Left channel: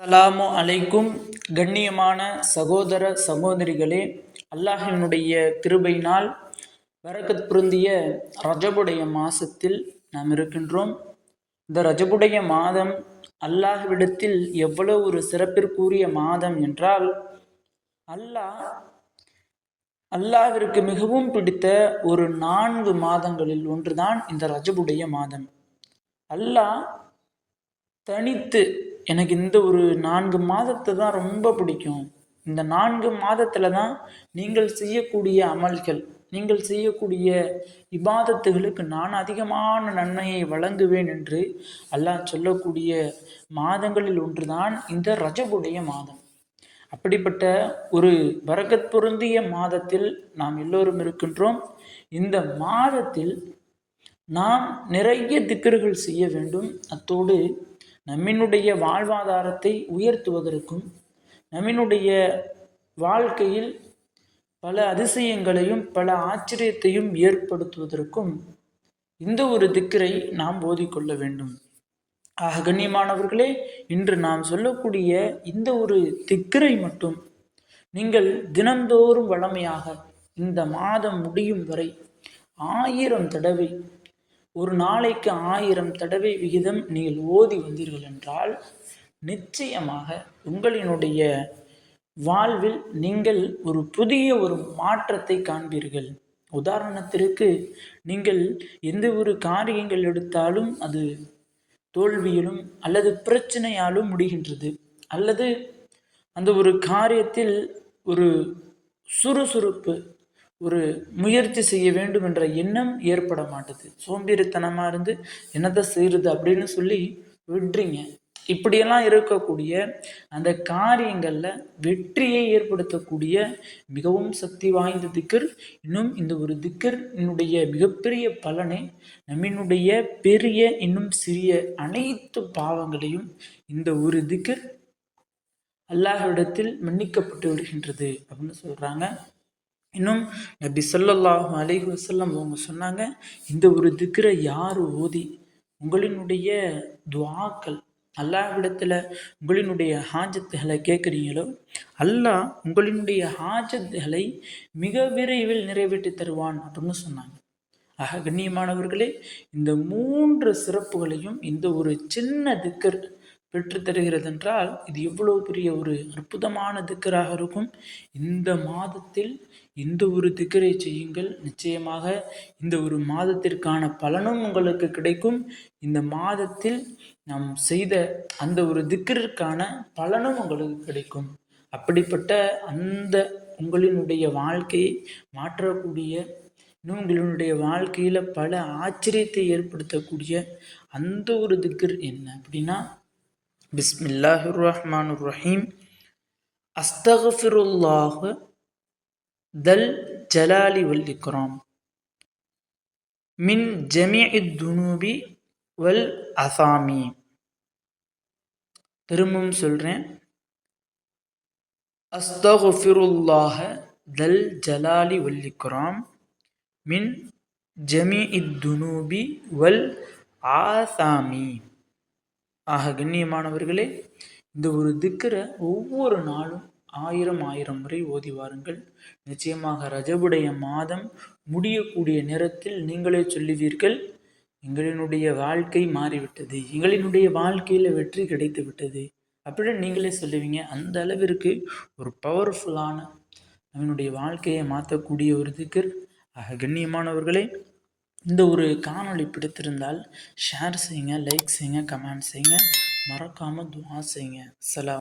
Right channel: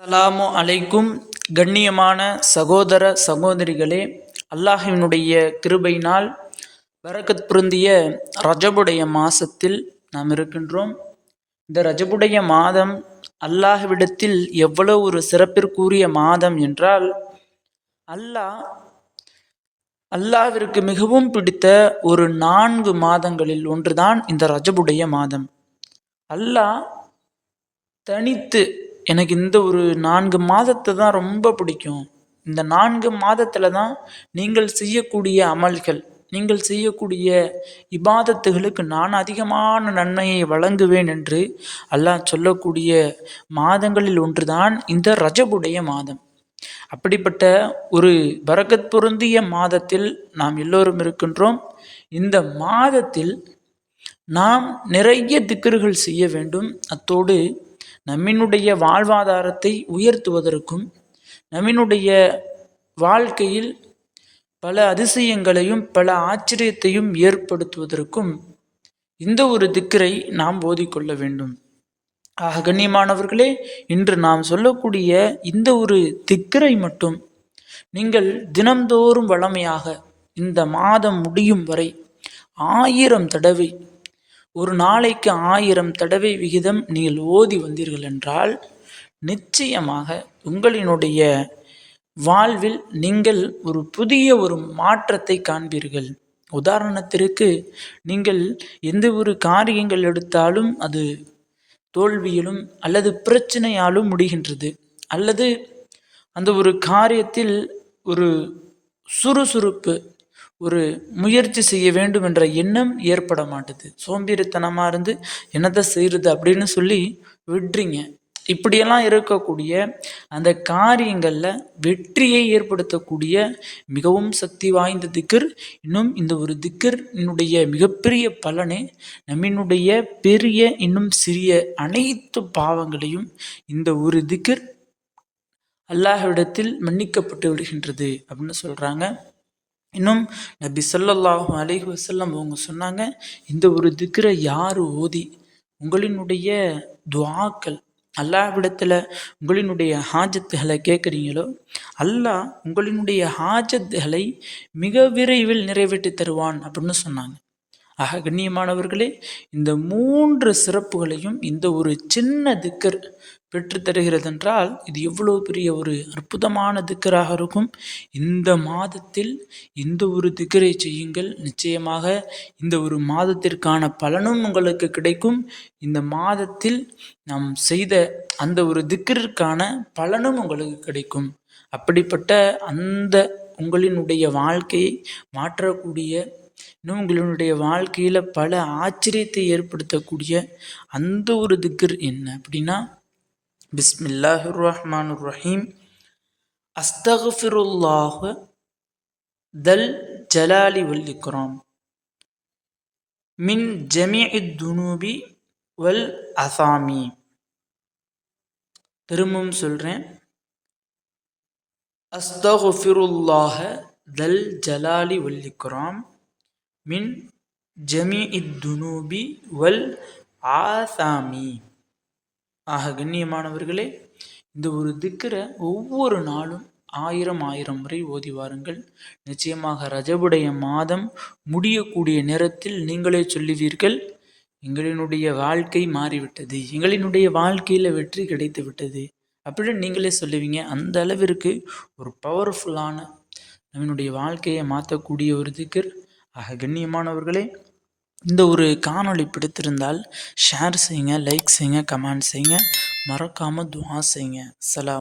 Alarm அலைக்கும். கண்ணியமான சகோதர சகோதரிகளே அல்லாஹினுடைய கிருபையினால் பரக்கத் பொருந்திய ரஜபுடைய மாசத்தில் நாம் இருக்கின்றோம். இந்த ரஜபுடைய மாதம் அல்லாஹ்விடத்தில் எவ்வளவு ஒரு சிறப்பிற்குரிய மாதம் என்றால் அல்லாஹ் அல்லாஹிற்கு மிகவும் பிடித்த ஒரு நான்கு மாதங்களில் ஒன்றுதான் இந்த ரஜபுடைய மாதம். அல்லாஹ் தனித்து எனக்கு இந்த ஒரு நான்கு மாதத்தை தான் ரொம்ப பிடிக்கும். இந்த நான்கு மாதத்தில் தான் நீங்கள் செய்யக்கூடிய அமல்கள் நீங்கள் செய்யக்கூடிய இபாதத்துகளுக்கு நான் அதிகமான நன்மையை வழங்குவேன் என்று அல்லாஹ் சொல்லக்கூடிய மாதங்களில் ஒன்றுதான் இந்த ரஜபுடைய மாதம். அப்படிப்பட்ட ஒரு பரக்கத் பொருந்திய மாதத்தில் நாம் எல்லோரும் இருக்கின்றோம். இந்த மாதத்தில் நாம் நிறைய திக்கர்கள் செய்ய வேண்டும். அத்தோடு நம்மினுடைய வாழ்வாதாரத்தை உயர்த்துவதற்கும் நம்மினுடைய வாழ்க்கையில் பல அதிசயங்களையும் பல ஆச்சரியத்தையும் ஏற்படுத்துவதற்கும் இந்த ஒரு திக்கரை நாம் ஓதிக்கொள்ள வேண்டும். ஆக கண்ணியமானவர்களே இன்று நாம் சொல்லக்கூடிய இந்த ஒரு திக்கரை மட்டும் நீங்கள் தினந்தோறும் வளமையாக இந்த மாதம் முடியும் வரை ஆயிரம் தடவை ஒரு நாளைக்கு ஆயிரம் தடவை விகிதம் நீங்கள் ஓதி வந்தீர்கள் என்றால் நிச்சயமாக உங்களினுடைய வாழ்வில் நீங்கள் ஒரு புதிய ஒரு மாற்றத்தை காண்பீர்கள். உதாரணத்திற்கு நீங்கள் எந்த ஒரு காரியங்கள் எடுத்தாலும் அது தோல்வியிலும் அல்லது பிரச்சனையாலும் முடிகின்றது. அல்லது அந்த ஒரு காரியத்தில் ஒரு சுறுசுறுப்பு ஒரு முயற்சி செய்ய வேண்டும் என்ற எண்ணம் ஏற்பட மாட்டுது. சோம்பேறித்தனமாக இருந்து என்னத்தை செய்கிறது அப்படின்னு சொல்லி விட்டுறீங்க இப்படியெல்லாம் இருக்கக்கூடிய அந்த காரியங்களில் வெற்றியை ஏற்படுத்தக்கூடிய மிகவும் சக்தி வாய்ந்த திக்கர் இன்னும் இந்த ஒரு திக்கர் என்னுடைய மிகப்பெரிய பலனை நம்மினுடைய பெரிய இன்னும் சிறிய அனைத்து பாவங்களையும் இந்த ஒரு திக்கர் அல்லாஹ்விடத்தில் மன்னிக்கப்பட்டு விடுகின்றது அப்படின்னு சொல்கிறாங்க இன்னும் நபி சொல்லல்லாஹு அலைஹி வசல்லம் அவங்க சொன்னாங்க இந்த ஒரு திக்கரை யார் ஓதி? உங்களினுடைய துவாக்கள் அல்லாவிடத்தில் உங்களினுடைய ஹாஜத்துகளை கேட்குறீங்களோ அல்லாஹ் உங்களினுடைய ஹாஜத்துகளை மிக விரைவில் நிறைவேற்றி தருவான் அப்படின்னு சொன்னாங்க. ஆக கண்ணியமானவர்களே இந்த மூன்று சிறப்புகளையும் இந்த ஒரு சின்ன திக்கர் பெற்றுத்தருகிறதென்றால் என்றால் இது எவ்வளோ பெரிய ஒரு அற்புதமான திக்கராக இருக்கும். இந்த மாதத்தில் இந்த ஒரு திக்கரை செய்யுங்கள். நிச்சயமாக இந்த ஒரு மாதத்திற்கான பலனும் உங்களுக்கு கிடைக்கும். இந்த மாதத்தில் நாம் செய்த அந்த ஒரு திக்கிற்கான பலனும் உங்களுக்கு கிடைக்கும். அப்படிப்பட்ட அந்த உங்களினுடைய வாழ்க்கையை மாற்றக்கூடிய இன்னும் உங்களினுடைய வாழ்க்கையில் பல ஆச்சரியத்தை ஏற்படுத்தக்கூடிய அந்த ஒரு திக்கர் என்ன அப்படின்னா பிஸ்மில்லாஹிர் ரஹ்மான் ரஹீம் அஸ்தகஃபிருல்லாஹ தல் ஜலாலி வல் இக்ராம் மின் ஜமீஇ துனூபி வல் அசாமி திரும்பவும் சொல்கிறேன் அஸ்தகுஃபிருல்லாஹ தல் ஜலாலி வல் இக்ராம் மின் ஜமீஇ துனூபி வல் ஆசாமி ஆக கண்ணியமானவர்களே இந்த ஒரு திக்கரை ஒவ்வொரு நாளும் ஆயிரம் ஆயிரம் முறை ஓதி வாருங்கள். நிச்சயமாக ரஜபுடைய மாதம் முடியக்கூடிய நேரத்தில் நீங்களே சொல்லுவீர்கள் எங்களினுடைய வாழ்க்கை மாறிவிட்டது எங்களினுடைய வாழ்க்கையில் வெற்றி கிடைத்து விட்டது அப்படின்னு நீங்களே சொல்லுவீங்க. அந்த அளவிற்கு ஒரு பவர்ஃபுல்லான நம்மளுடைய வாழ்க்கையை மாற்றக்கூடிய ஒரு திக்கர். ஆக கண்ணியமானவர்களே இந்த ஒரு காணொளி பிடித்திருந்தால் ஷேர் செய்யுங்க லைக் செய்யுங்க கமெண்ட் செய்யுங்க. மறக்காமல் துவா செய்யுங்க. சலாம்